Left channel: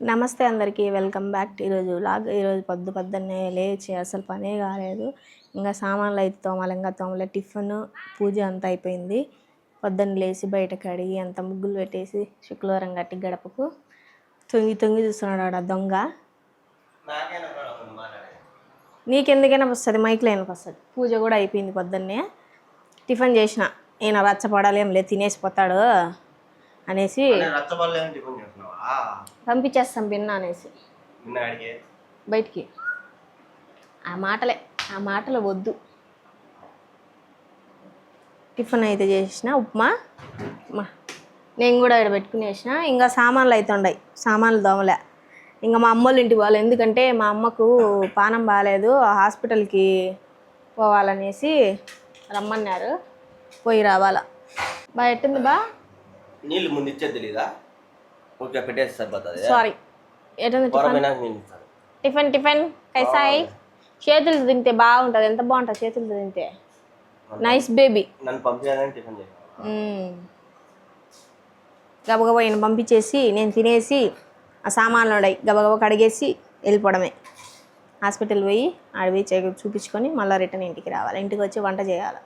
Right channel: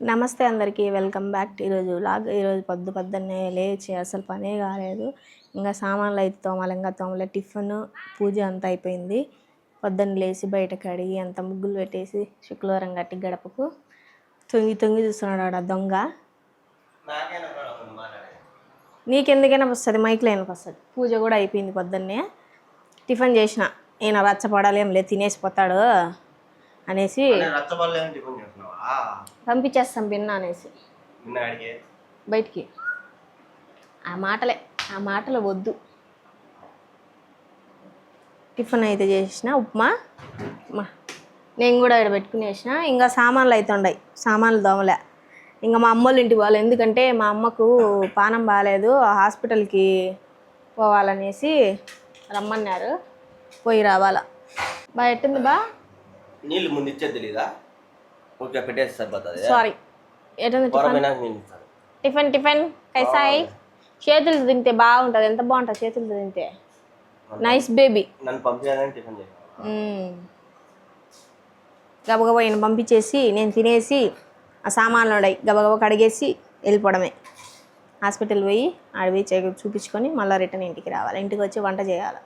నమస్తే అందరికీ, welcome back. ఈరోజు వ్లాగ్. ఈరోజు పొద్దున్నే లేచి అసలు పనే కాలేదు. ఇంకా సామాన్లు అయితే తోమలే, టిఫిన్ పూజ అంతా అయిపోయింది. పొద్దున్న లేచి బయట కడిగి అంత ముగ్గులు పెట్టేసి శుక్రవారం కట్టి గడపకు తొంగి చూస్తున్నాడు ఆడ దొంగ. నీకెందుకైనా వస్తుంది, మైక్లో అయినా వస్తుంది. పూజ కూడా అయిపోయింది. పొద్దున్నే టిఫిన్ చేసిన. ఈయన రచ్చపడాలి ఏం లేదు, తినేసిపోతాడు అనేసి పంపించేస్తాం బిన్న అనేసి బయటికి. ఆ మాటలు వద్దు. టిఫిన్ అయితే చేసిన ఉప్మా. నేను కూడా ఇక్కడ పెట్టుకుని వేసిన. ఇంకా సామాన్లు అయితే ఉన్నాయి, సామాన్లు దోమలే. ఇంకా మా అమ్మోళ్ళ ఇంటికి పోవాలి, ఎందుకంటే మా అమ్మకు పానం బాగాలేదు, హాస్పిటల్కి పోవాలనేసి రమ్మన్నారు. పోయి రావాలా. బాగా ఎట్టుంది బా? నీళ్ళు ముందు ఇచ్చేది తెలీదా? ఓకే, పెట్టేసి సరిపోతుంది. సారీ. టిఫిన్ కైసాయి. చేతులు తింటే బాగుంటుంది. ఎంత బాగుంటుంది చేతులతో తింటే. Nice baby. నన్ను పంపించాలని టిఫిన్ చేయాలి. గబగబా ఈయన పంపించేసి నేను తినేసి ఆ సామాన్లు ఉన్నాయి గబగబా కడిగేసి వెళ్ళిపోవడమే. హాస్పిటల్ పోయి ఆడపోయి చూపించుకొని మళ్ళీ రిటర్న్ ఇంటికి రావాలి. ఇంటికి వచ్చి వంట చేయాలి.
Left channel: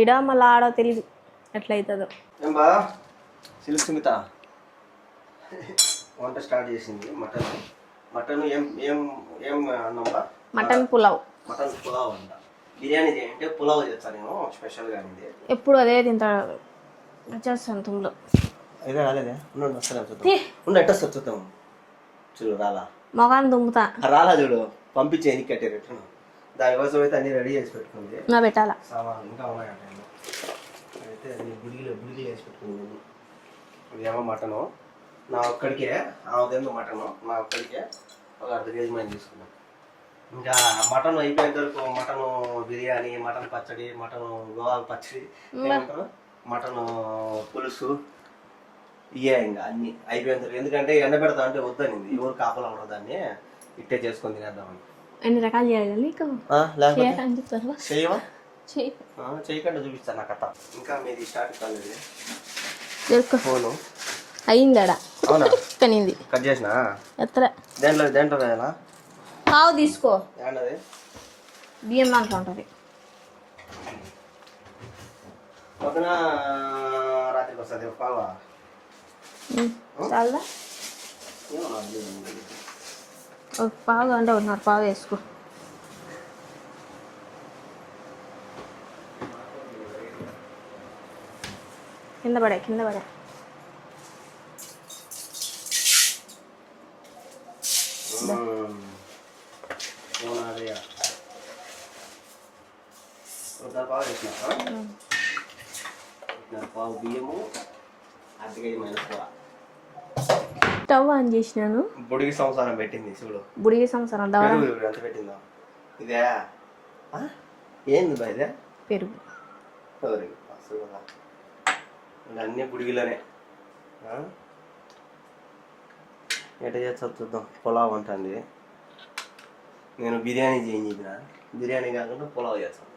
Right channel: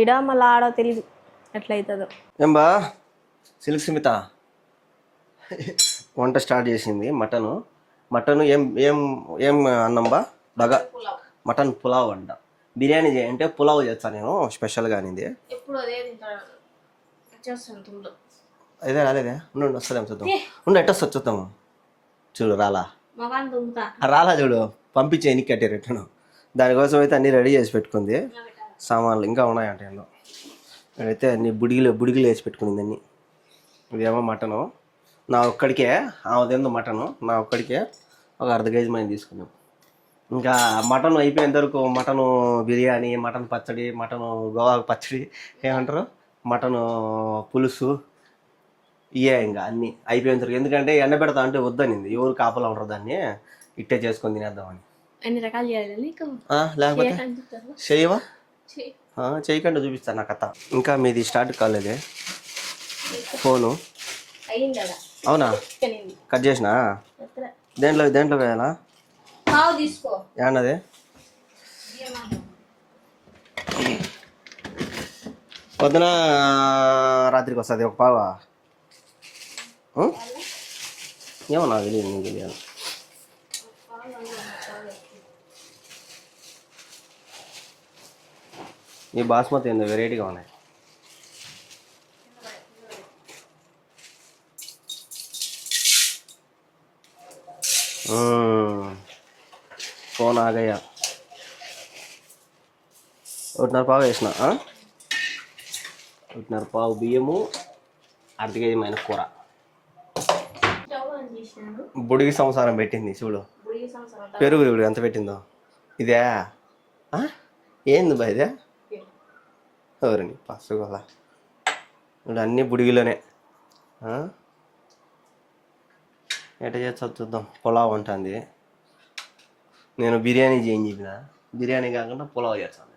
ఈడ మళ్ళీ ఆడో తెలియదు ఎట్లయితుందో. ఏం బా సిల్క్ స్మిత వంట స్టార్ట్ చేసింది. మటన్ ఏం అన్నం బా? మటన్ పులావ్ అంట. బిర్యానీ చేయంటే పులావ్ చేస్తానేమో స్పెషల్గా అనేది. ఎప్పుడు అదే తింటాను చేస్తాను. అదేనే వస్తలేము చూద్దాం. ఉండి ఎట్ట చూద్దాము. చూడు రాలా మొగాన్ని దుమ్ముతా. రాలా చూడు, పంపించే ఎన్ని కట్టే రిటర్న్. దానికోసం అయితే అన్ని రెడీ చేసి పెట్టుకుంది. పెట్టాలా సామాన్లు ఇంకా ఉన్నాయంటే అయితే అన్ని బుడిగిలు వేసి పెట్టుకుంది అన్ని. ఇదేమో మటను నా ఒక్కడికే, ఆమెదేందో మటను నా ఒక్కడికే ఒక అర్ధ కేజీ మనం తీసుకున్నాం. ఇంకా మటన్ అయిపోయేంత వరకు మటను బిర్యానీ, మటన్ పచ్చడి, మటను గోవాకు పచ్చడి ఏమంటారు, మటను పులుసు, ఇవే ఇంకా అన్నీ అయిపోయేంత వరకు. ఎందుకంటే ఎండ పెడతా అంటే వద్దనింది, ఎవరు కాపలా ఉండరు, దాన్ని ఇట్టే చేసుకొని తినేద్దామని. అన్ని రకాలు చేయాలి. లేకపోతే చేయవా? చేయకుండా చూపిస్తాను నా కథ. ఇంకా మీది స్టార్ట్ కాలేదే ఫోను? అయిందా? అవునా? కట్ చేసినా? దేంట్లో వేయాలా? తీసుకో. ఏమన్నది? బియ్యం దాంట్లో ఉంటుంది. పొద్దున రాత్రికి వస్తుంది ఒక పావా? ఏమో నాకు తెలియదు, నీకు తెలియదు. ఒక పావు అంటే ఒకటిన్నర పావు వేసుకో. ఈ బాస్మతి ఏందో వెరైటీగా ఉన్నాయి. కింద పడే ఫోన్ ఆగయ్యా. ఒకటిన్నర పావు వేసిన. ఒకటిన్నర పావు బియ్యము, అర్ధ కేజీ మైన కూర. స్టవ్ ఆన్ చేసినాను. బుడిగి సంసారం పెట్టింది చూడు. బుడిగి సంసారం పెరుగు చూడు ఎంత పెట్టిందో. ఇదే ఏంది బా? ఇదే పెరుగు. ఎవరండి పసుగల ఇప్పుడు అన్నీ బుడిగిలోనే. ఎట చేస్తా చూద్దాం. పులావ్ ఉంటుంది. నేను బిర్యానీ చేయని చెప్పిన, బిర్యానీ కాకుండా పులావ్ చేస్తాను.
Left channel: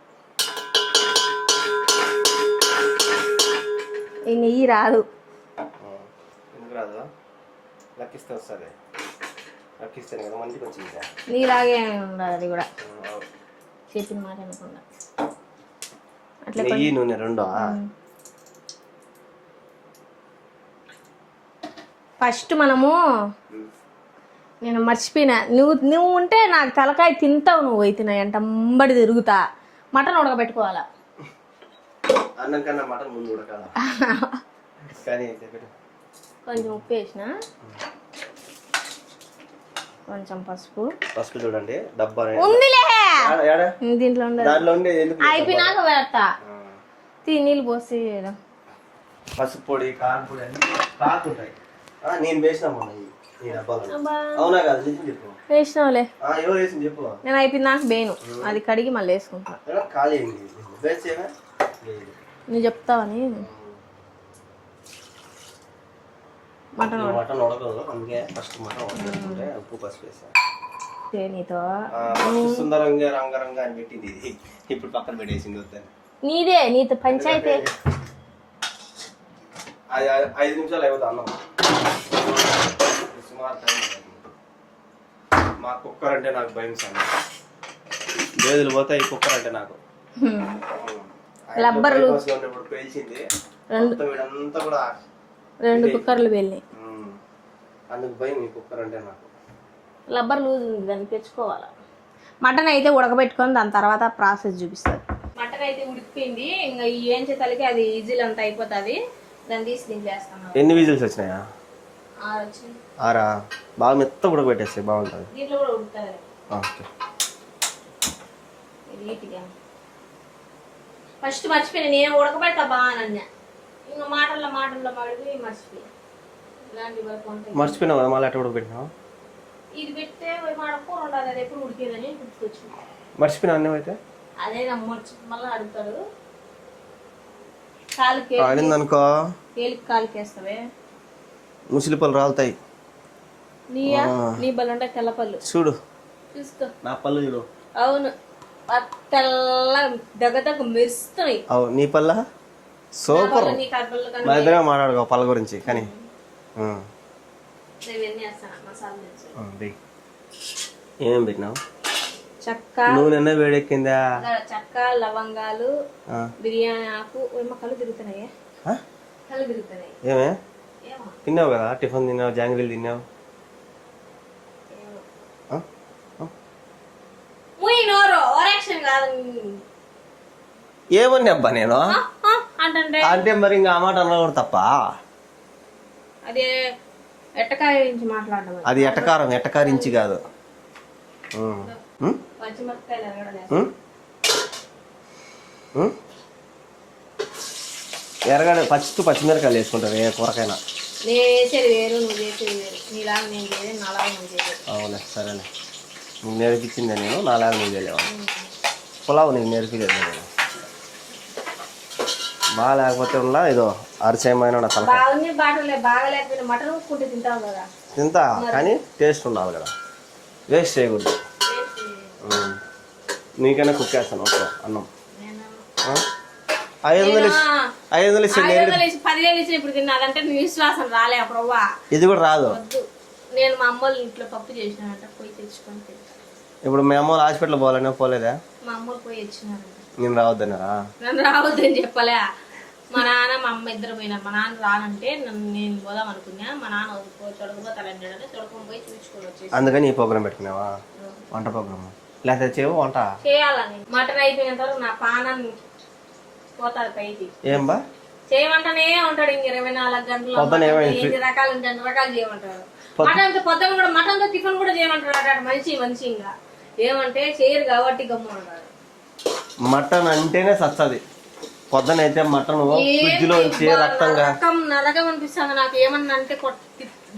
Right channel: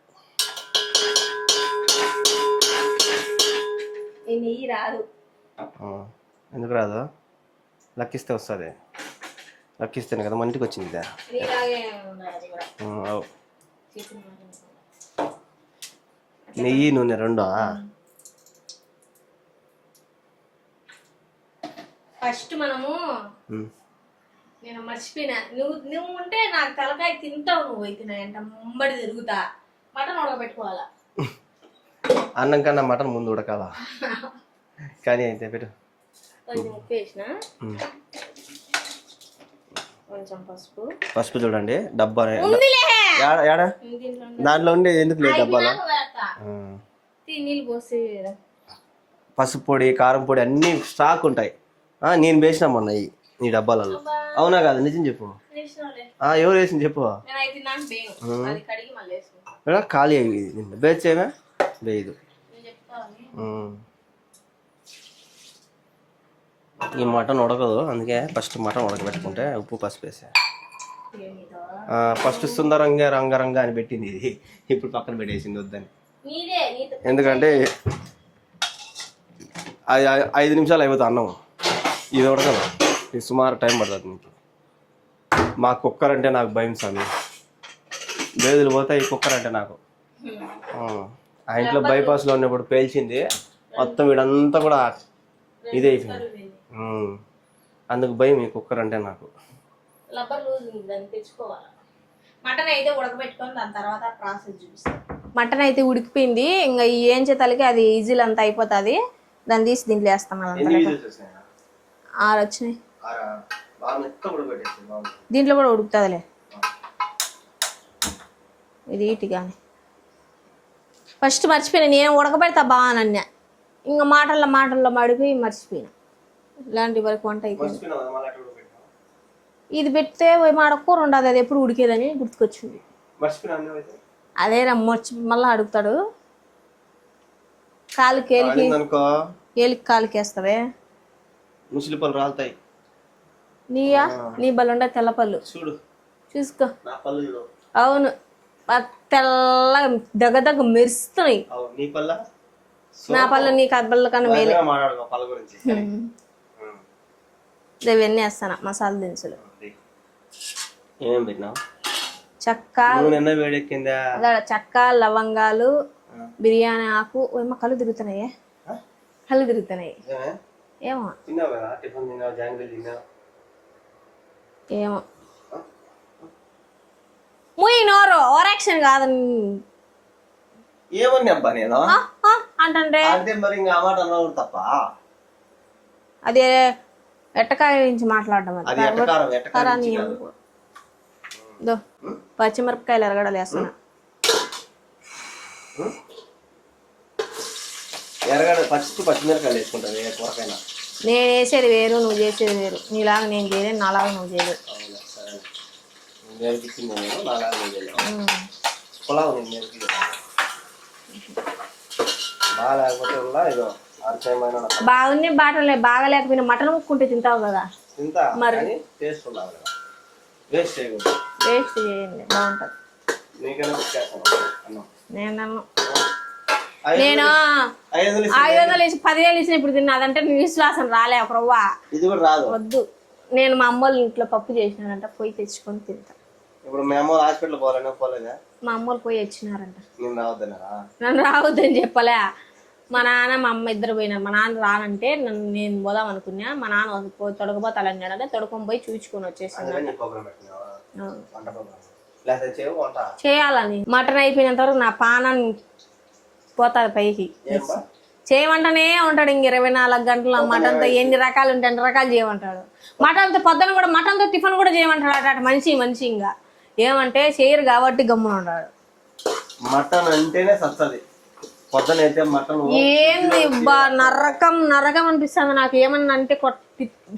నెయ్యి రాదు. ఎందుకు రాదు? లక్కిస్తే వస్తుంది. లక్కిస్తేనే కదా మంటికి వచ్చింది. నీలాగే ఉండాలి అది కూడా. చేసిన మాట అనుకున్నా. నెయ్యి నూనె రెండో? ఫస్ట్ మనము నేను మర్చిపోయినా, నువ్వు ఉంటే నాకు తలకాయ తింటావు. నువ్వు అయితే అంట అంబడి తిరుగుతా. మటన్ ఉడకబెట్టుకోవాలా? అన్నం కన్నా మటన్ ముందు ఉడకాల. కానీ అయితే పెట్టు. కొంచెం ఉప్పు వేసిన, కొంచెం పసుపు చూడండి. డబ్బా దీంట్లో దాంట్లో ఉండే అయిపోయినాక పెడతా. నీళ్ళు పోసి పసుపు పొడి, కారం పొడి అన్ని స్టాక్ ఉంటాయి. నేను వేసినా మొన్న నీ డబ్బాలలో. అవునా కదా? నిజం చెప్పు. వేసినావులే. ఎవరు వేసింది చెప్పు. నేను అయిపోయింది నాకు బేను, అది కడిగి మళ్ళీ వేసుకుంటా. ఖాళీ అయింది బేచేవా? లేదు నువ్వు చెప్తావని. ఈ మటన్ ఉడకదు, అందుకే ఫస్ట్ మటన్ ఉడకబెట్టుకుంటే ఉప్పు పసుపు వేసా. ఫస్ట్ సుందరంగా రంగరంగా అని పెట్టింది, ఇది ఇప్పుడు పక్కన పెట్టేసింది వద్దని. ఎందుకంటే అది 5 నిమిషాలు అయిపోతుంది అన్నం. ఇది ఉడకదు. ఇది సుమారు టైం పడుతుంది మీకు. మా కుక్కర్ అంటే నాకు భయం స్వామి, బేదులు పోతే ఈ కుక్కర్ అంటే నాకు. ఆ ఇంట్లో బైపాస్లో ఉన్నప్పుడు పేల్చింది మొత్తం వీడంతా కూడా 2 కుక్కర్లు వెళ్ళి, అందుకు భయం ఈ కుక్కర్ అంటే నాకు. రబ్బర్ లూజ్ ఉంది, దాన్ని తెచ్చుకోవాలి. మటన్ అయితే ఉడకబెట్టుకొని దాని తర్వాత ప్రాసెస్ చూపిస్తారు. మటన్ అయితే ఉడికిపోయింది, ఇంకా ఈ ఏం చేతలకి అది ఈజీలు అంతా అయిపోతుంది. దాన్ని తీసి దీంట్లో వేస్తాం. ఎన్ని విజిల్స్ వచ్చినాయా? 6 వచ్చినాయి. 6 బాగా మెత్త ఉడకబెట్టేస్తే బాగుంటుంది. దీంట్లో కూడా ఉడుకుతుందిలే. ఓకే, ఇది ఇటుగా ఫస్ట్ మర్చిపోయినా, నేను ఉడకబెడతా బాగానన్నా, ఇంకా మాటల్లో మడిపోయి మర్చిపోయి. ఇలాంటి వరకు వంట మర్చిపోయినావా? మళ్ళీ అట్ట ఉడకబెట్టినావు? ఇది పెడితే మాడకూర ఉండదు, అది ఎప్పుడు ఉడికేదని గుర్తుకొచ్చింది. మర్చిపోయినా అన్నం అయితే అదే మళ్ళీ అడుగుతాడు. కాలుకి అనుకో, ఏలికి కాలుకి వేస్తావే, ముసిలి పళ్ళు రాలుతాయి. నీ బలు ఉండే తెల్ల పళ్ళు చూడు, చూసుకో. నా పళ్ళు చూడు. అవును, తెల్లగా దగ్గర మెరుస్తున్నాయి. అవును, నీ పళ్ళ? నా పళ్ళు నీ కర్బల్ల కన్నా మాట్లాడుకో పళ్ళ గురించి. కానీ ఇవన్నీ వేస్తాను మసాలా దినుసులు. ఏమేమి పెట్టినావు? చెక్క, నూనె వేడెక్కిందా? చెక్క, లవంగాలు, బిర్యానీ ఆకు. ఏమో కళ్ళు తిరుగుతున్నాయే, కళ్ళు తిరుగుతున్నాయి. ఏమో తిన్నావు కదా, టిఫిన్ తిన్నావు, జాంగ్రీలు తిన్నావు. ఏమో ముయ్యి నోరు, ఓరాక్షన్ కాదు. ఏమని అబ్బా నేను అంటే మరి ఇంకా ఆ మాట అన్నా తప్ప. అదే ఎట్టకాయ నుంచి మాట్లాడడం, అది ఎట్టకారం నుంచి కాదు. పచ్చిమిరపకాయలు ఎరగడలు వేస్తున్నా. ఎరగడ పచ్చిమిరపకాయలు వేసుకుంటారు ఏ కూరకైనా. నేను వేసేది వేరు, నువ్వు చేసేది వేరు. నీలాగా నేను చేయలేదు, నాలాగా నువ్వు చేయలేదు. అవునా, సరేలే. నువ్వు నేర్పించింది నేను, నాలాగా నువ్వు చేయలేవు. పులావు నీకు నేర్పించలేదు. బాగా లేకపోతే ఉన్నా ఏదో అరిచేయమైన బాగుంది, బాటలే బాగా లేకపోయినా మటన్ ముక్కుంటే తింటావు కదా. తింటా, కానీ టేస్ట్ ఉండాలి కదా, వేస్ట్ చేయకూడదు. వేస్ట్ చేయండి, బాగుంటుంది. నీకైనా కుక్ చేస్తాను అన్నం. నేను 500 10,000 ఇచ్చిన ఇప్పుడు తిన్నాదంటే నీ విశ్వాసం రాలే ప్రవ్వా. ఇది కూడా రాదు. వద్దు, నేను మా అమ్మోళ్ళ ఇంట్లో పప్పు చేసినానంట, పోయి తెచ్చుకొని తింటా. ఇప్పుడు మీ అమ్మ హాస్పిటల్ పోవాలనే పోలేదా? మా అమ్మోళ్ళు పోయి వచ్చినారంట. నేను రావద్దన్నారా? నన్ను రావద్దని చెప్పలే. మా నాన్న మా అమ్మ ఇద్దరు పోయినారు. మా నాన్న రానంటే నేను పోదాం అనుకున్నా. మా నాన్న తొడకపోతాలని అంటే తొడుకొని పోయి చూపించుకొని వచ్చేసి. అందుకని ఈ ప్రోగ్రామ్ పెట్టుకున్నావా? వంట ప్రోగ్రామ్ లేకపోతే చేయవు వంట చేయాలని. మటన్ అయిపోయినంత వరకు నా పానాన్ని పోతాది పైకి. ఏం బా చేయమంటానే ఉంటాడు. ఇంక 24 గంటల మటన్ ఎన్ని రకాలు ఉంటే అన్ని రకాలు చేయమంటాడు. మటన్తో పొద్దున కూడా మటన్తో టిఫిన్ కూడా చేయమంటాడు. అటు మనిషి ఇంకా ఏమంటే చేయరు కాబట్టి గమ్మున ఉంటాడు. మటన్ అంటేనే సత్తది. పొద్దునైతే మటన్ నరకం అనిపిస్తుంది నాకు. ఏమన్నా అంటే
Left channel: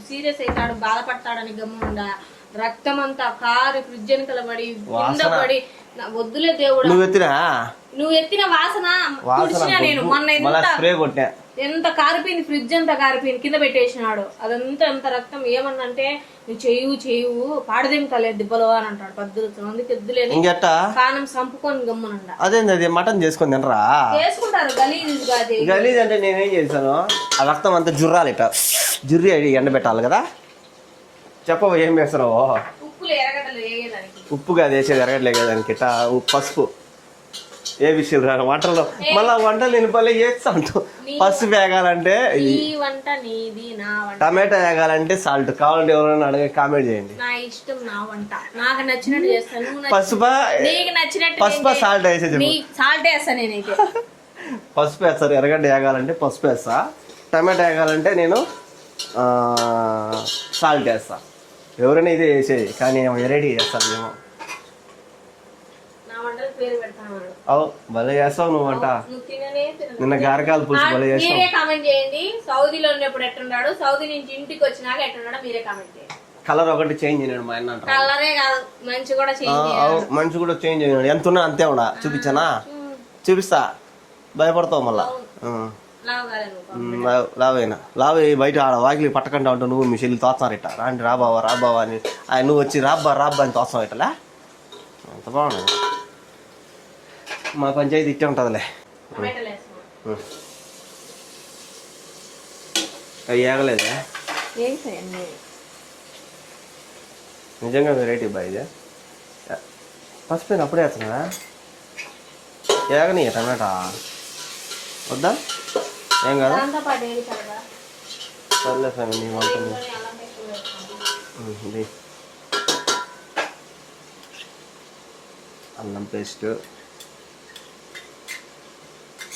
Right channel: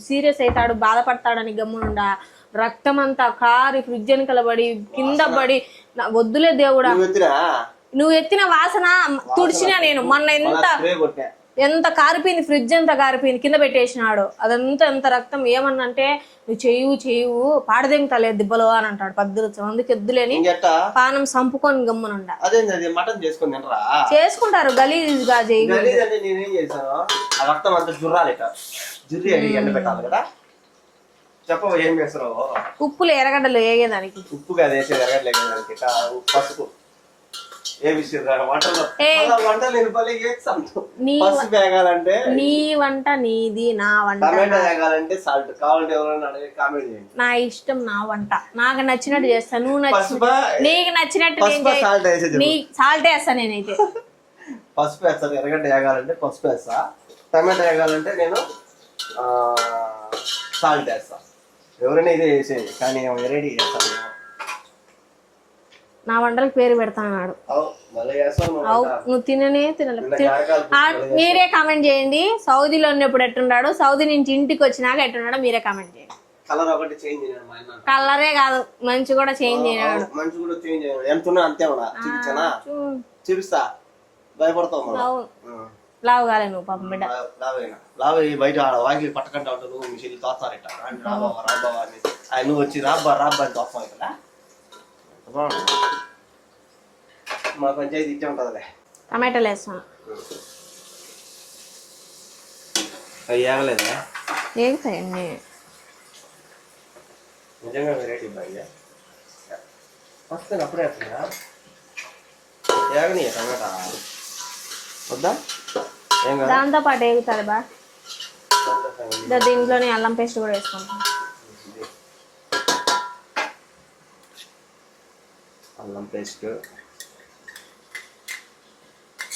సీరియస్ అవుతాడు, బాధపడతాడని గమ్మునుండా. రక్తం అంతా కారి ఫ్రిడ్జ్ అని కలబడి కింద పడి వద్దులే దేవుడా. నువ్వు ఎత్తిన వాసన తుడిచినా నేను. మొన్న ఎంత కారిపోయింది, ఫ్రిడ్జ్ అంతా కారిపోయింది, కింద పెట్టేసినాడు. అదంతా ఎంత రక్తం. ఏమన్నా అంటే నువ్వు చెయ్యు పాడదేంతలేదు దిబ్బలు అని అంటాడు. 10 మందికి ఎద్దులేని పానం సంపుకొని గమ్మునుండా. అదే మటన్ చేసుకొని తినరా? చేసుకుంటారు గలీజ్ అంటే నేనేం చేశాను, ఆ రక్తం అంతా జుర్రి ఎండబెట్టాలి కదా. చెప్పవు ఏం వేస్తున్నావు? ఉప్పులు ఎర్రగడ్డలు వేగేదానికి. ఉప్పు కాదు వేసేది, ఎరగడ్డలు వేగేదానికి. పసుపు ఏ విషయం వంటలో మళ్ళీ వంటలు ఎన్నిపల్లి చేస్తా ఉంటావు. పసుపు వేగాలంటే నీ వంట నీది, నా వంట. టమాటా వేగాలంటే సాల్ట్. కావాలంటే ఎవరైనా అడిగి కామెంట్ చేయండి. నా ఇష్టం, నా వంట, నాకు నచ్చినట్టు చేస్తాను. పసుపు నీకు నచ్చినట్టు సాల్ట్ వేసేది. సాల్ట్ వేస్తా నేనైతే. పసుపు వేస్తారు. ఎర్రగడ్డ వేగాలంటే పసుపు వేస్తా. టమాటా వేగాలంటే నేను సాల్ట్ వేస్తా. ఎవరైనా ఇదే వేసేది, కానీ వెరైటీ చేస్తాను మేము. నా వంటలకు పేరు పెడతాను. భలే చేస్తావు నువ్వు. నువ్వు తిననే మీరే కామెంట్ చేయండి. సౌదీలో ఉన్నప్పుడు ఎట్టున్నాడు, సౌదీ నుంచి ఇంటికి వచ్చినాక ఎట్టున్నాడో మీరే కామెంట్ చేయండి. కలర్ ఒకటి చేంజ్ అయినాడు మా అన్న. కలరే కాదు, మంచి కూడా చేంజ్ అయ్యాడు. మంచి కూడా చేంజ్ అయినాడు. ఎంత ఉన్నా అంతే ఉన్నా. చూపించానా? చూపిస్తా. భయపడతావు మళ్ళా. లావు బయట వాకిలి పట్టకుండా ఉంటావు. నువ్వు మీ చెల్లి తోస్తున్నారు ఇట్లా. రాండి రాబావా అని ఆయన నువ్వు వచ్చి రాబ్బా అని తోస్తావు ఇట్లా. ఎంత బాగుంటుంది. మా పంచాయతీ ఇట్టే ఉంటుందిలే. టమాటాలు వేస్తాను. అవి ఏగలేదా? ఏగుతాయండి. నిజంగా వెరైటీ బా ఇది. పసుపు అప్పుడే వేస్తున్నారా? ఏగని టమాటా వద్దా? ఏం కదా దాంతో పాటు వేగుతుంది బా. సర్లే స్వామి. దీంట్లోనే అల్లం పేస్ట్ కూడా వేసుకుంటాం. అల్లం పేస్ట్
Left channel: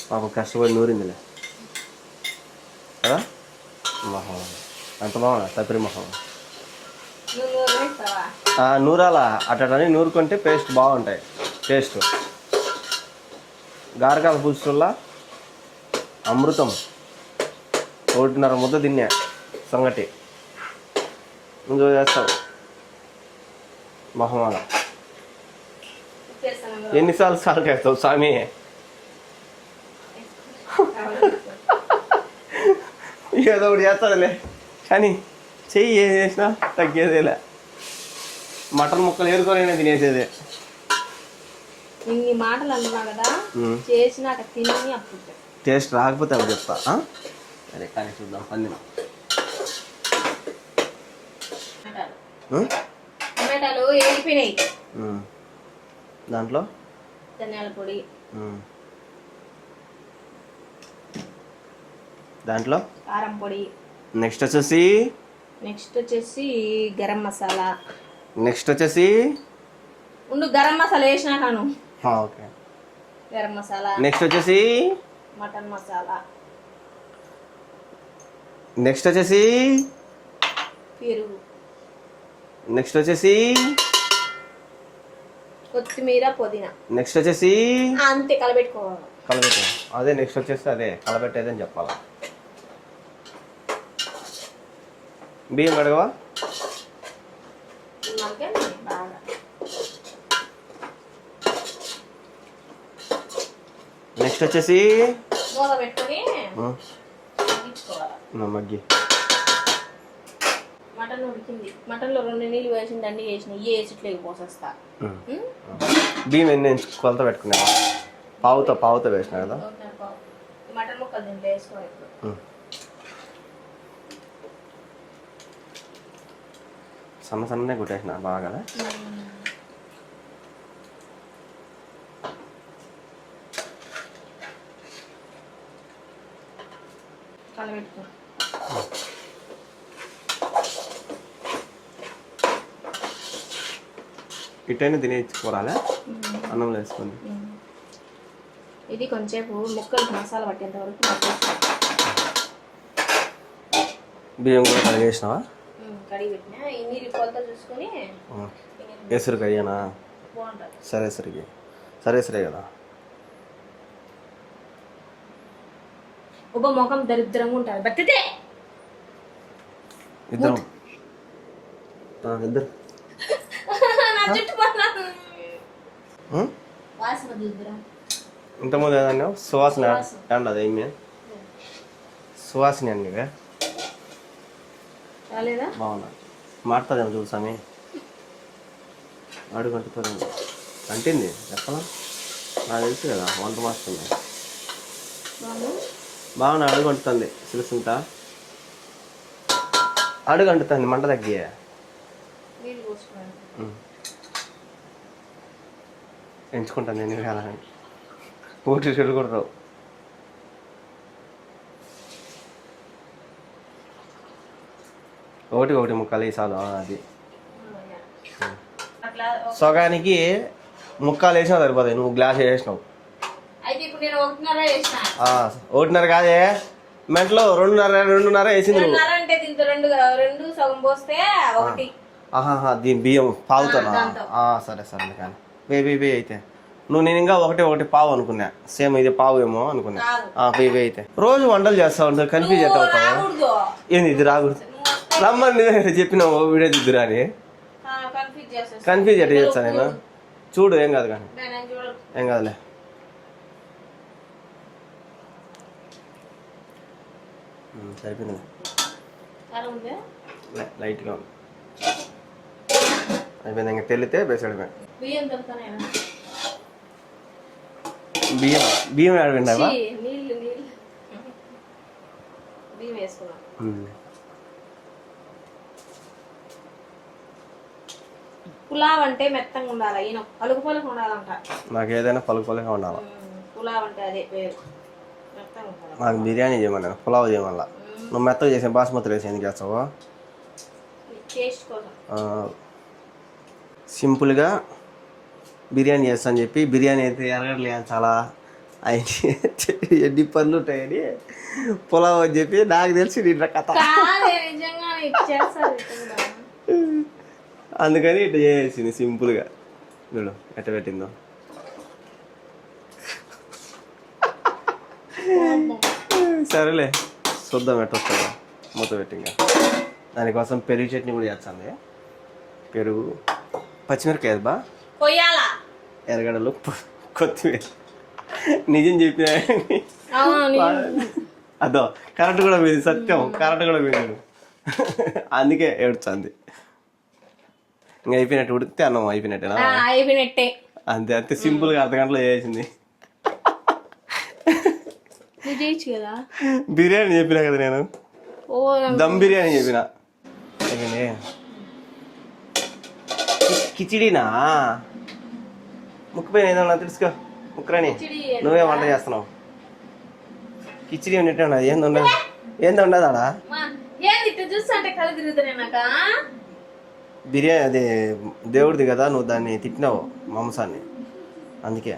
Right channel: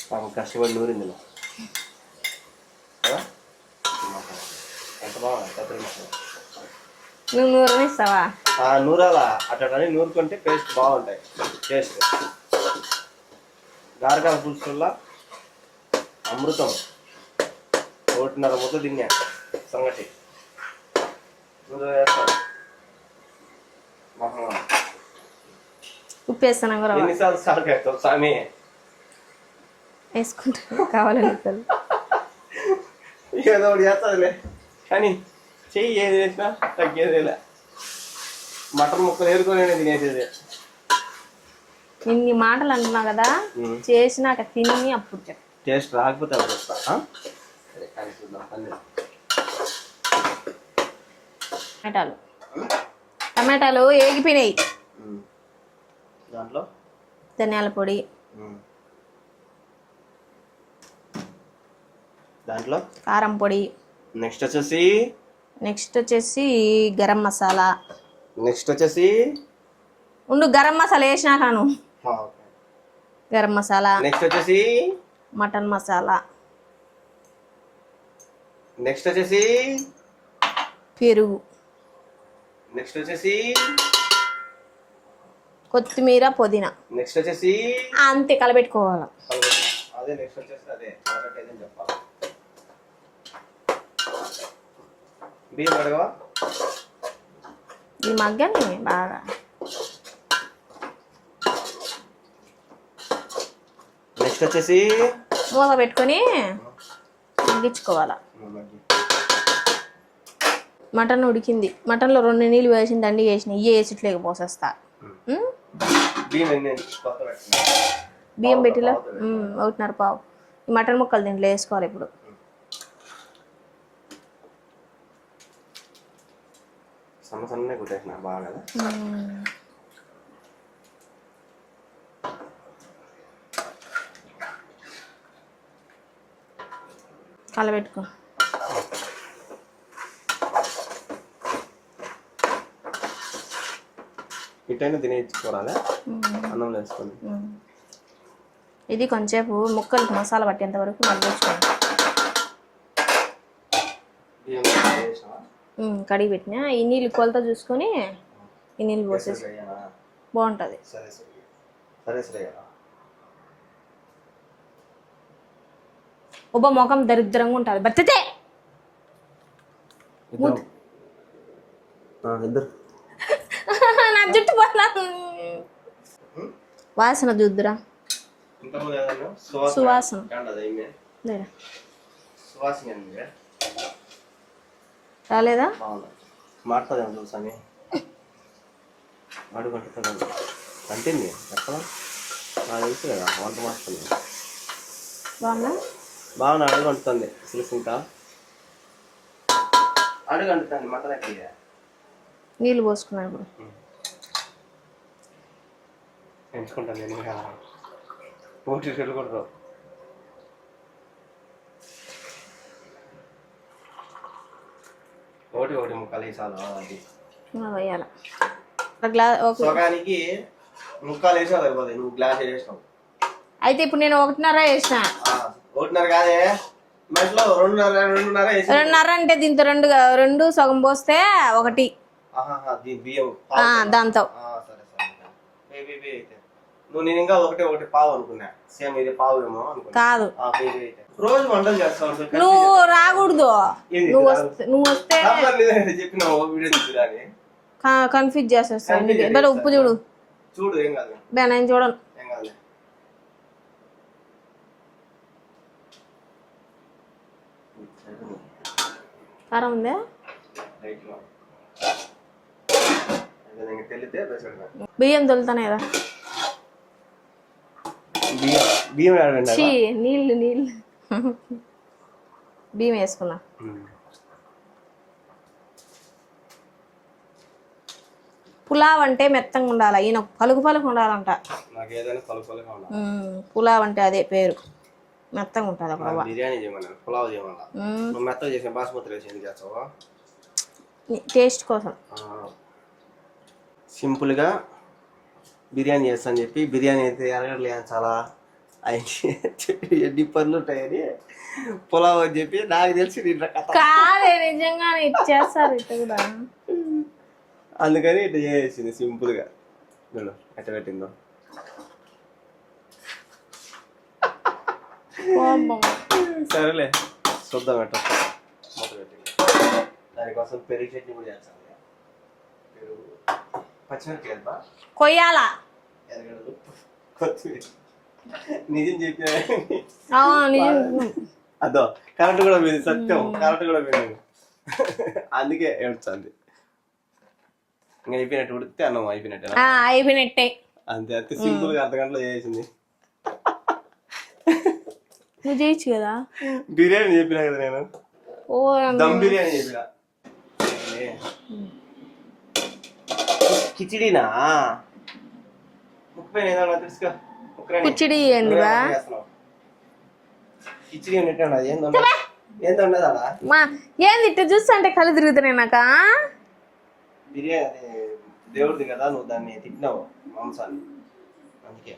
పాపం కష్టపడి నూరిందిలే. మొహం ఎంత బాగుంది తప్పరి మొహం. నువ్వు నూరనిస్తావా? నూరాలా అటని నూరుకుంటే పేస్ట్ బాగుంటాయి. టేస్ట్ గారకాల పులుసుల్లా అమృతం. 1.5 ముద్ద తిన్నా సంగటి. నువ్వు వేస్తావు మొహం. ఉప్పు వేస్తాను కూడా. ఎన్నిసార్లు సాల్ట్ వేస్తావు స్వామి? వేసుకుంటా కావాలని. ఏదో ఒకటి వేస్తుందిలే కానీ చెయ్యి ఏది వేసినా తగ్గేదేలే. మటన్ ముక్కలు ఏరుకోలేనే తినేసేదే. ఇన్ని మాటలు అంటున్నా కదా, చేసినాక తిని అప్పుడు చెప్పు. టేస్ట్ రాకపోతే అది చెప్తా. సరే కానీ చూద్దాం. పన్నీర్ టమాటాలు వేగిపోయినాయి. దాంట్లో ధనియాల పొడి, దాంట్లో కారం పొడి, నెక్స్ట్ వచ్చేసి గరం మసాలా. నెక్స్ట్ వచ్చేసి ఉండు, గరం మసాలా వేసినాకాను. ఓకే. గరం మసాలా. నెక్స్ట్ వచ్చేసి మటన్ మసాలా. నెక్స్ట్ వచ్చేసి పెరుగు. నెక్స్ట్ వచ్చేసి కొత్తిమీర, పుదీనా. నెక్స్ట్ వచ్చేసి అంతే కలబెట్టుకోవాలి. అదే నెక్స్ట్ వచ్చేసి అదే కలబెట్టేదని చెప్పాలి. బియ్యం అడగవా? ఈ మగ్గని బాగా. నెక్స్ట్ వచ్చేసి మూత పెట్టుకొని మగ్గించుకోవాలి. మగ్గి మటన్ ఉడికింది. మటన్లో 2 నీళ్ళు వేసిన దండి వేసిన ఇవి వేసి ఇట్లా పోసేస్తా. బియ్యం ఎన్ని కొలత పెట్టుకున్నా? బియ్యం పెట్టి 1.5 పావు. ఈ మటన్ ముక్కలు దీంట్లో వేసుకోవాలి ఇప్పుడు. సన్నగా కొట్టేసిన బాగా. కలబెట్టుకో. ఇటైనా తినేసుకోరాలే అన్నంలో వేసుకొని. ఇది కొంచెంసేపు ముక్కలకి మసాలా పట్టేంత వరకు బియ్యం కూడా కడిగి వేసినావా? కడిగి పెట్టినా. ఈ నీళ్ళు కొలత చూసుకొని ఈ నీళ్ళు వేసరి కడిగానా? బాగుంటుంది. సరే కదా. ఒబ్బ ముఖం దరిద్రంగా ఉంటుంది. బట్టతే ఇద్దరు నా జుట్టు వాసన చూద్దురా. ఇంతకుముందు ఏదన్నా సువాసన అదేమి సువాసన అండి రాలేదా? బాగుంది. మాట్లాడదేమో చూసామి. అడుగంటుతుంది అంటేంది ఎక్కడ నాకు తెలుసు కదా వంట మాస్టర్. బాగున్నా అడుగంటుతుంది. సిలుసుంటా అడుగంటుతుంది. మంట తగ్గి నీళ్ళు పోసుకున్నాను. ఎంచుకుంటాను నేను కాదని పూర్తి చెడుకూడదు. ఒకటి ముక్కలు వేసాలు. అది సగానికి ముక్కలు వేసినా సరిపోతాయి. నువ్వు గ్లాస్ వేసినావు. అయితే ఇప్పుడు నేను 1.5 వేసిన. 1.5 కాదే మెంట్లో 2.5 వేసి. 2.5 అంటే దీంతో 2 సగం పోస్తే 1. దీని బియ్యం పావుతా దాంతో. సరే కానీ వే అయితే నువ్వు నేను ఇంకా ఒకటి పావు అనుకున్నా. సేమ్ ఇది పావు ఏమో అనుకున్నా. అయితే రోజు వంటలు చేస్తా ఉంటావు. కన్ఫ్యూజ్ రాకూడదు. ఏంది ఇది రాకూడదు? రమ్మని చెప్పినావు వీడియో దిద్దురా అని. కన్ఫ్యూజ్ చేస్తా. ఉప్పు చూడు. చూడు ఏం కాదు కానీ. నేను చూడను. ఏం కాదులే. సరిపోయింది. కారం ఉందా? లైట్గా ఉంది. అయిపోయింది. ఇంకా తెల్లితే బేసాడు. బియ్యం తొలుతానే కదా. బియ్యం ఆడవిండా? నీళ్ళు బియ్యం వేసుకున్నా. పులావ్ అంటే మెత్తంగా ఉండాలి, ఈయన పలుకు పలుకు ఉండాలంట. నాకు ఏదైనా పలుకు పలుగా ఉండాలి. పులావ్ అంటే అదే పేరు, మెత్తంగా ఉంటుంది. నాకు బిర్యానీ చేయమన్నా, పులావ్ చేయమల్లా. నువ్వు మెత్తగా చేసే బాస్మతి రైస్ ఎందుకు చేస్తావు? టేస్ట్ కోసం. సింపుల్గా బిర్యానీ చేస్తాను చెప్పి బిర్యానీ అయితే ఎరగట్లే చాలా ఎన్ని పనులు ఉంటాయని పులావ్ అని చెప్పి నాకు తెలిసి నిన్న కథ. నిజంగానే ఇచ్చేస్తారు ఇట్లా కూడా. అందుకని ఇట్లా చేసేసింది సింపుల్గా. చూడు ఎట్ట పెట్టిందో. సరేలే చూద్దాం ఎట్ట వస్తుందో. మూత పెట్టింగా దానికోసం పెరుగు చట్నీ కూడా చేస్తాను. పెరుగు, పచ్చిమిరకాయ బా కొయ్యాలా, ఎర్రగడ్డలు, కొత్తిమీర. నిజం చెప్పిన అదో కరెంట్ కూడా పోయింది. సత్యం, కరెంట్ కూడా పోయింది. అందుకే ఏడుస్తుంది. ఇంకా అయిపోయినట్టు ఉడికితే అన్నం అయిపోయినట్టేనా? అయిపోయినట్టే. అంతే అంతే సింపుల్గా అర్ధగంటలో చేసింది. నువ్వు చేయొచ్చు కదా. బిర్యానీ చెప్పినా కదా నేను, దమ్ బిర్యానీ చెప్పిన. కిచిడీనా ముక్కుపోయిన ఏదన్నా తెలుసుగా. ముక్కరాని కిచిడి చేస్తున్నావు. కిచిడీ ఉన్నట్టు ఉన్నది. ఏంది ఉండదు ఆడ. ఏంది ఇట్లా చూస్తా అంటే కళ్ళు తిరుగుతున్నాయి నాకు. బిర్యానీ అదే దేవుడిది కదా, నువ్వు దాన్ని తిట్టినావు మాంసాన్ని, అందుకే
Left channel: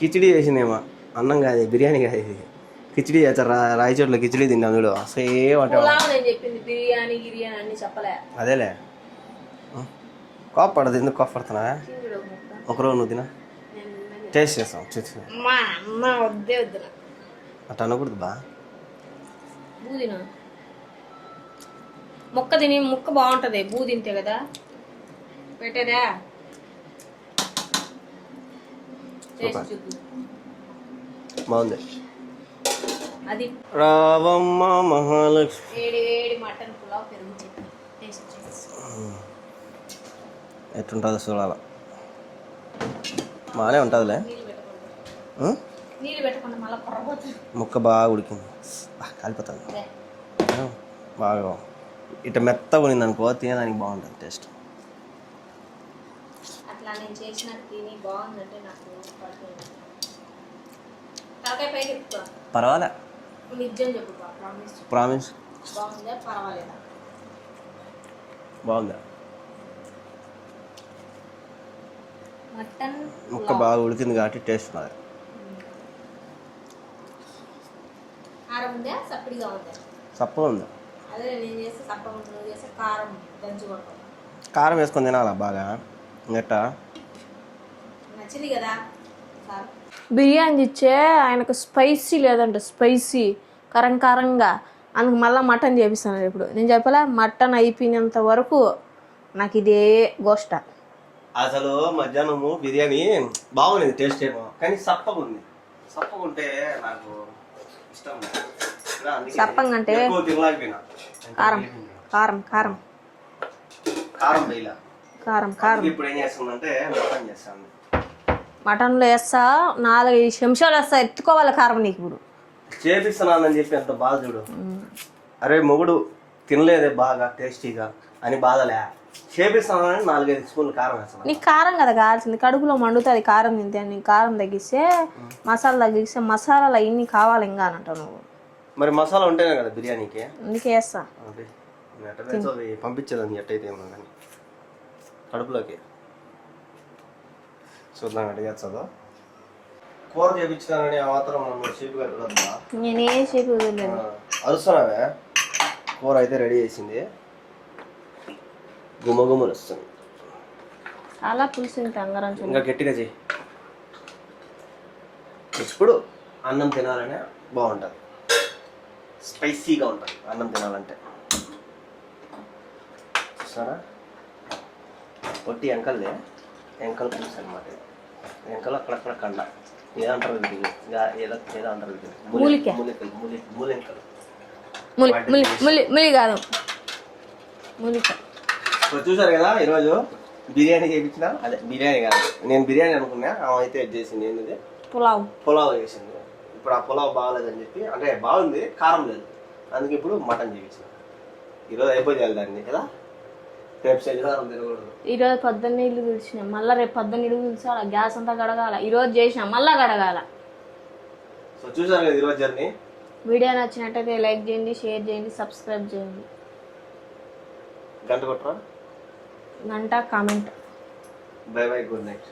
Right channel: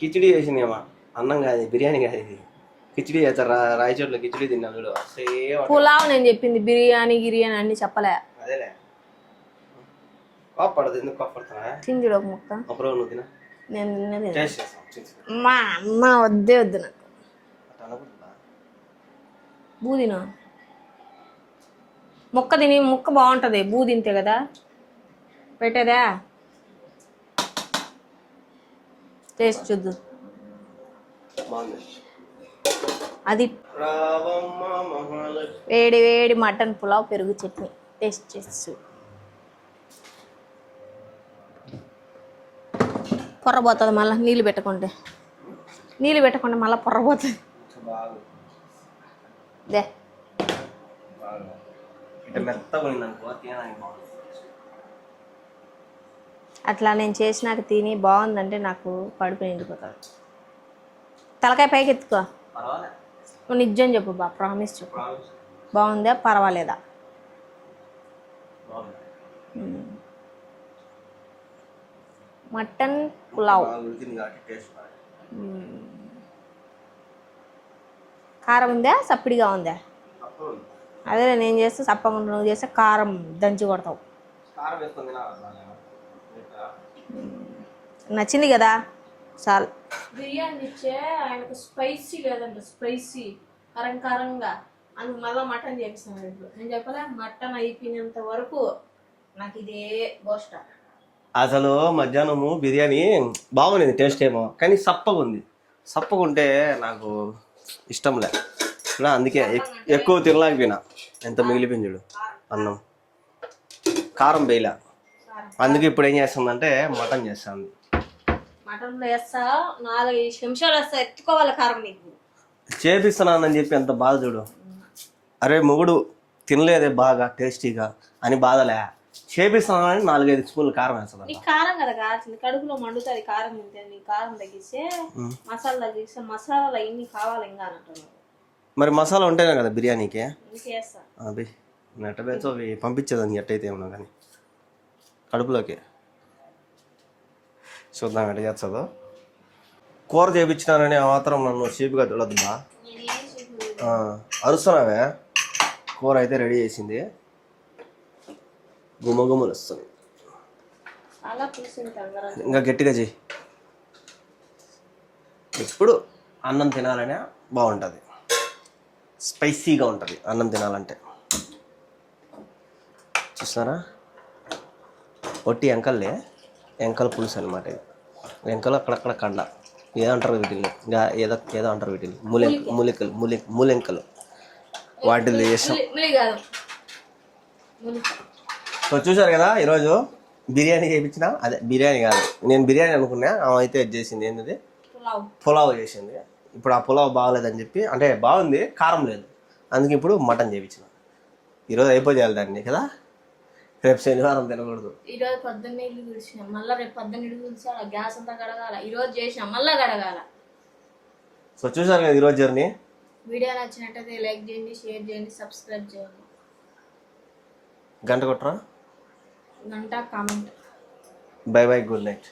కిచిడీ చేసిందేమో. అన్నం కాదు, బిర్యానీ కాదు ఇది. కిచిడీ చేస్తారు. రాయచోట్ల కిచిడీ తిన్నాం చూడు, సేమ్ పులావ్ నేను చెప్పింది. బిర్యానీ గిర్యానీ అన్ని చెప్పలే. అదేలే కోపడదు. ఎందుకు కోపడుతున్నా? తింజుడు ఒక ముక్క. ఒకరోజు నువ్వు తిన, నేను టేస్ట్ చేస్తాం. మా వద్దే వద్దు నాకు. అట్లా అనకూడదు బా. బూదినా ముక్క తిని, ముక్క బాగుంటుంది బూ తింటే కదా పెట్టేదా. టేస్ట్ చూద్దాం. బాగుంది అది. రావమ్మ మహాలక్ష్మి. వేడి వేడి మటన్ పులావ్, పెరుగు చట్నీ టేస్ట్ చేసి ఎట్లుంటుందో చూడాల. పొర్రపోతుంది మళ్ళీ నీళ్ళు పెట్టకుంటే. నీళ్ళు పెట్టకుండా మళ్ళీ పొర్రపోతుంది. ముక్క బాగా ఉడికింది, కాలిపోతుంది బాగా. ఇట్లా మెత్తగా ఉన్నింది అనుకో, తినేదానికి బాగుంటుంది టేస్ట్. అట్లా నేను చేసినాక తిని బాగుందంటే నాకు కడుపు నిండిపోతుంది. తలకాయ పైకి ఎత్తుకో. పర్వాలే. నువ్వు నిజం చెప్పు బా, ప్రామిస్ చెప్పు. ప్రామిస్. బాగుందా పర్వాలేదా? బాగుందా? మటన్ పులావ్ బాగా ఉడికింది కాబట్టి టేస్ట్ ఉన్నది. కారం ఉందా సప్పిడిగా ఉందా? సప్పగా ఉంది. అదే నేను చేస్తే సప్పగా ఉంది, నువ్వు చేస్తే కారం దంచి కొడతావు. కారం వేసుకొని తినాలా బాగా గట్ట. నచ్చింది కదా చాలు. బిర్యానీ ఇచ్చే ఆయనకు స్పైసీ లేదంటే స్పైసీ కారం కారంగా, అందుకు మళ్ళీ మటన్ చేపిస్తాను. ఇప్పుడు నేను చెప్పలే, మటన్ అయిపోయినంత వరకు నాకు ఇదే గోష్ట. అసలు మధ్యాహ్నము బిర్యానీ బాగుంది, టేస్ట్ ఏమో, కానీ సప్పగా ఉంది. సప్పగా ఉంటే నాకు ఇష్టం లే, అందుకే ఎక్కువ తినలేకపోయినా. ఎంత మిగిలిపోయింది చూడు. కారం కారం కారం వేయలే, కారం. అందుకే ఇప్పుడు ఏం చేస్తుందంటే మటన్ చేస్తాను. మటన్లో వేస్తా 4-5 నిమిషాలు వేస్తా, ఎత్తుకోవాలి కారం నీకు. ఇప్పుడు చేపిస్తున్నానని చెప్పి ఎంత బాధ చూడు. అరే మొగుడు తినలేదే బాగా టేస్టీగా అని బాధలే, చేపిస్తున్నానని 4-5 స్పూన్లు కారం వేస్తాను. నీకు కారం కదా కావాల్సింది, కడుపులో మండుతుంది కారం తింటే. నీకు కారం తగ్గిస్తే, మసాలా తగ్గిస్తే, మసాలాలు ఇన్ని కావాలి ఇంకా అని అంటావు నువ్వు. మరి మసాలా ఉంటేనే కదా బిర్యానీకి, అందుకే వేస్తా. అది పంపించేదాన్ని ఎట్టయితే ఏమన్నా కానీ కడుపులోకి. చూద్దాం ఎట్లా చేస్తుందో. కూర చేయించినానని ఆ మాత్రం నన్ను షేపుగా తిడద్దా? నేనే షేపు అరుస్తున్నావే. కూర అయితే రెడీ చేసింది, గుమ్మగుమ్మలు వస్తుంది. చాలా పులుసు ఇంకా గట్టిగా చెయ్యి. ఇప్పుడు అన్నం తినాలనే బాగుంటుంది, స్పైసీగా ఉంటుంది అన్నం తినాలంటే. చూస్తారా, ఒట్టి ఎంకల్లే, ఎంకల్ పులుసు అనమాట. ఎంకలు అక్కడక్కడ కండ ఏదంటారు వీటిని, ఏదో అంటారు వీటిని, మూలెంకలు. చూసారు కదా, ఈరోజు బిర్యానీ చేయించిన. అదే బిర్యానీ కాదు, నేను బిర్యానీ అనుకున్నా, ఆమె అయితే ఇది చేసింది. ఏంటది? పులావ్ చేసింది. ఇప్పుడు ఆ పులావ్ బాగలేదని చెప్పి, అంటే బాగుంది కారం లేదు, అందుకే ఇప్పుడు మటన్ చేయించిన. ఈరోజు అయిపోయాలి దాన్ని కదా. రేపు శనివారం తినకూడదు. ఈరోజు పొద్దున్న ఇల్లు పిలిచిన, మళ్ళీ రేపు పొద్దున్న ఇల్లు పిలిచాల, గ్యాస్ అంతా కడగాల. ఈరోజు చేసిన మళ్ళీ కడగాల. సో చూసారు కదా ఈరోజు జర్నీ. వీడియో నచ్చినట్టయితే లైక్ చేయండి, షేర్ చేయండి, సబ్స్క్రైబ్ చేయండి. గంట కొట్టరా? గంట comment. By by, good night.